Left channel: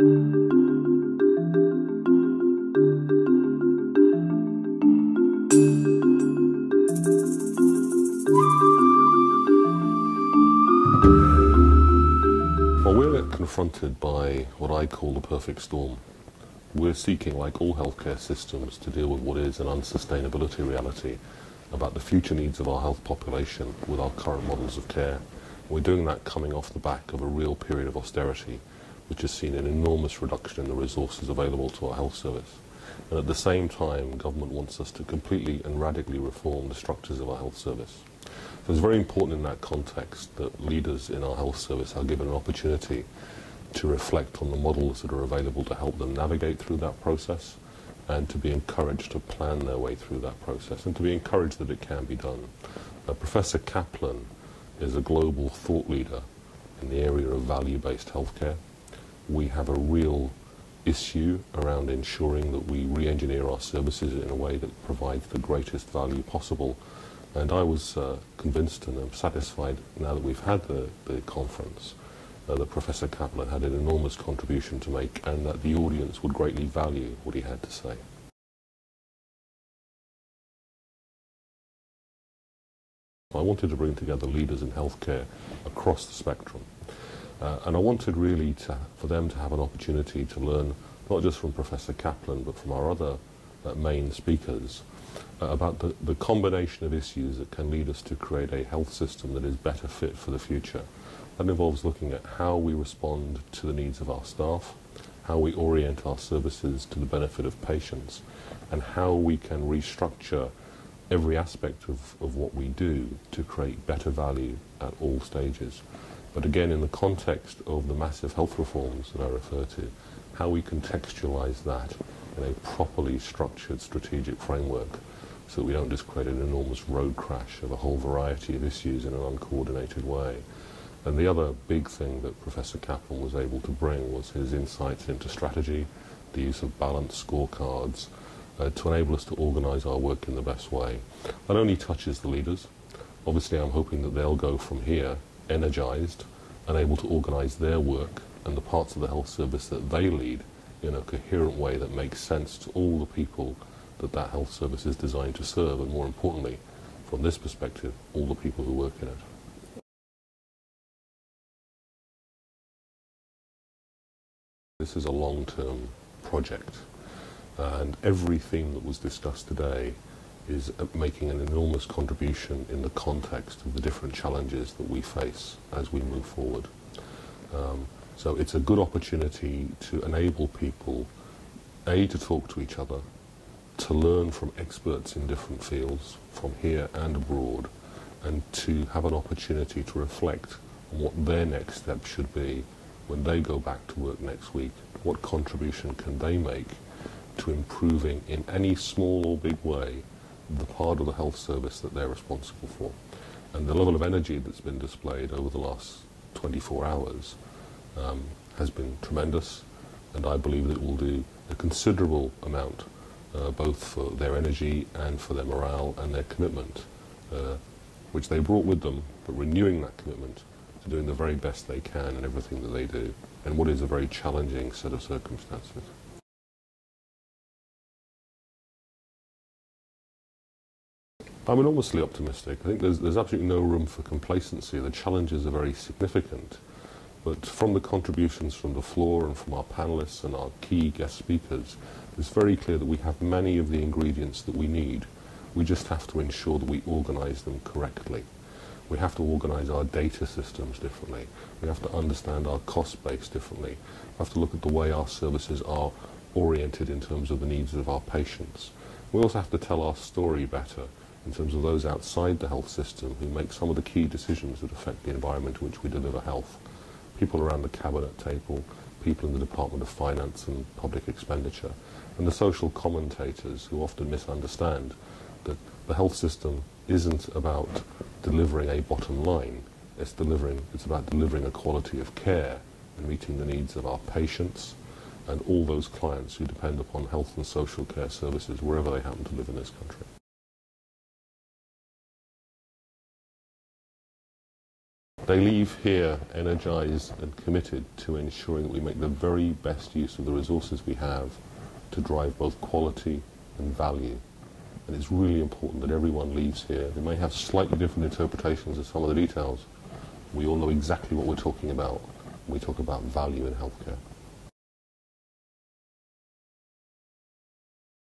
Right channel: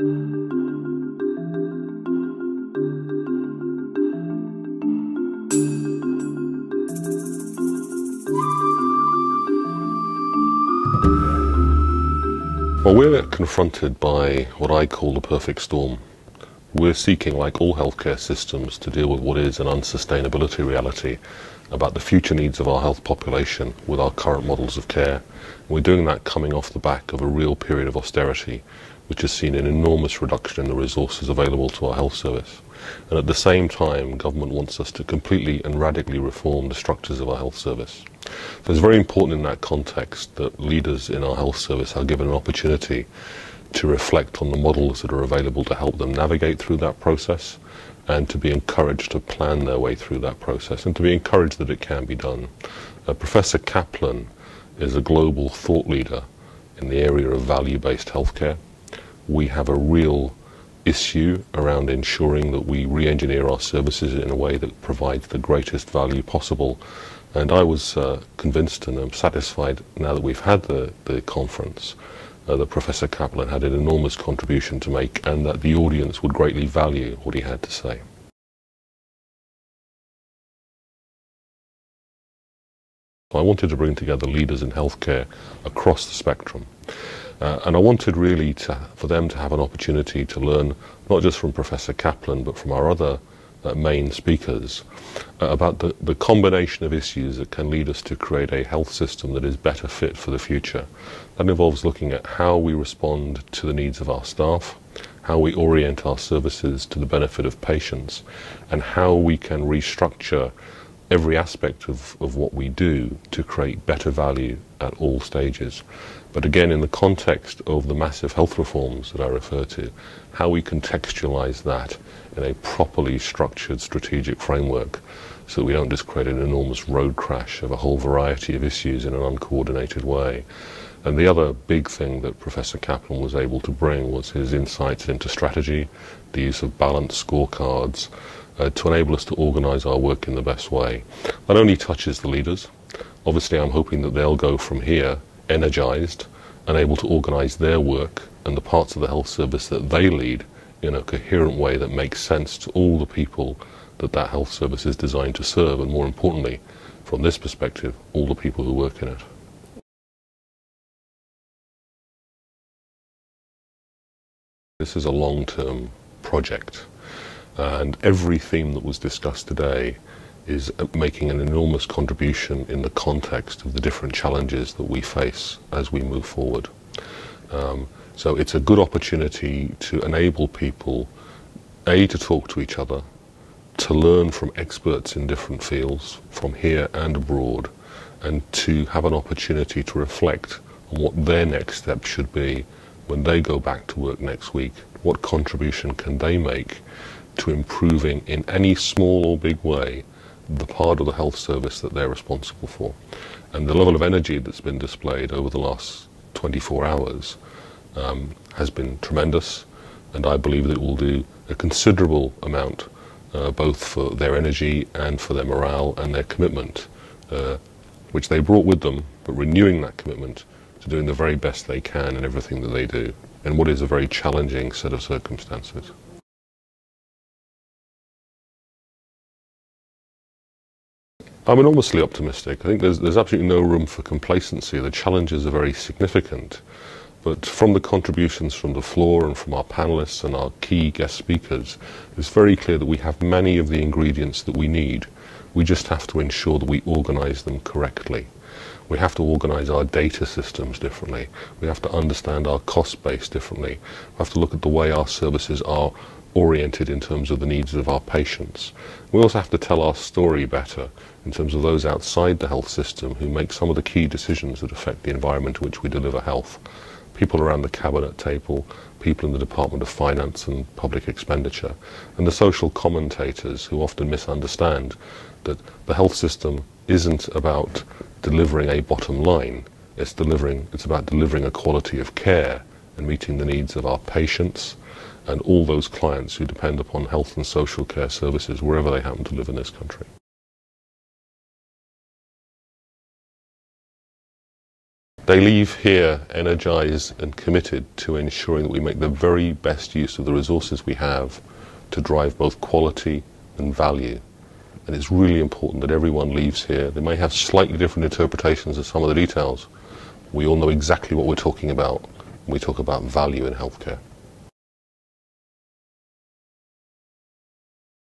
Well, we're confronted by what I call the perfect storm. We're seeking, like all healthcare systems, to deal with what is an unsustainability reality about the future needs of our health population with our current models of care. And we're doing that coming off the back of a real period of austerity, which has seen an enormous reduction in the resources available to our health service. And at the same time, government wants us to completely and radically reform the structures of our health service. So it's very important in that context that leaders in our health service are given an opportunity to reflect on the models that are available to help them navigate through that process, and to be encouraged to plan their way through that process, and to be encouraged that it can be done. Professor Kaplan is a global thought leader in the area of value-based healthcare. We have a real issue around ensuring that we re-engineer our services in a way that provides the greatest value possible. And I was convinced, and I'm satisfied now that we've had the conference, that Professor Kaplan had an enormous contribution to make, and that the audience would greatly value what he had to say. I wanted to bring together leaders in healthcare across the spectrum. And I wanted really for them to have an opportunity to learn, not just from Professor Kaplan, but from our other main speakers, about the combination of issues that can lead us to create a health system that is better fit for the future. That involves looking at how we respond to the needs of our staff, how we orient our services to the benefit of patients, and how we can restructure every aspect of what we do to create better value at all stages. But again, in the context of the massive health reforms that I refer to, how we contextualize that in a properly structured strategic framework so that we don't just create an enormous road crash of a whole variety of issues in an uncoordinated way. And the other big thing that Professor Kaplan was able to bring was his insights into strategy, the use of balanced scorecards, to enable us to organize our work in the best way. That only touches the leaders. Obviously, I'm hoping that they'll go from here energized and able to organize their work and the parts of the health service that they lead in a coherent way that makes sense to all the people that that health service is designed to serve, and more importantly, from this perspective, all the people who work in it. This is a long-term project, and every theme that was discussed today is making an enormous contribution in the context of the different challenges that we face as we move forward. So it's a good opportunity to enable people, A, to talk to each other, to learn from experts in different fields, from here and abroad, and to have an opportunity to reflect on what their next step should be when they go back to work next week. What contribution can they make to improving in any small or big way the part of the health service that they're responsible for. And the level of energy that's been displayed over the last 24 hours has been tremendous, and I believe that it will do a considerable amount both for their energy and for their morale and their commitment, which they brought with them, but renewing that commitment to doing the very best they can in everything that they do, in what is a very challenging set of circumstances. I'm enormously optimistic. I think there's absolutely no room for complacency. The challenges are very significant. But from the contributions from the floor and from our panelists and our key guest speakers, it's very clear that we have many of the ingredients that we need. We just have to ensure that we organize them correctly. We have to organize our data systems differently. We have to understand our cost base differently. We have to look at the way our services are oriented in terms of the needs of our patients. We also have to tell our story better in terms of those outside the health system who make some of the key decisions that affect the environment in which we deliver health. People around the cabinet table, people in the Department of Finance and Public Expenditure, and the social commentators who often misunderstand that the health system isn't about delivering a bottom line. It's about delivering a quality of care and meeting the needs of our patients and all those clients who depend upon health and social care services wherever they happen to live in this country. They leave here energized and committed to ensuring that we make the very best use of the resources we have to drive both quality and value. And it's really important that everyone leaves here. They may have slightly different interpretations of some of the details. We all know exactly what we're talking about when we talk about value in healthcare.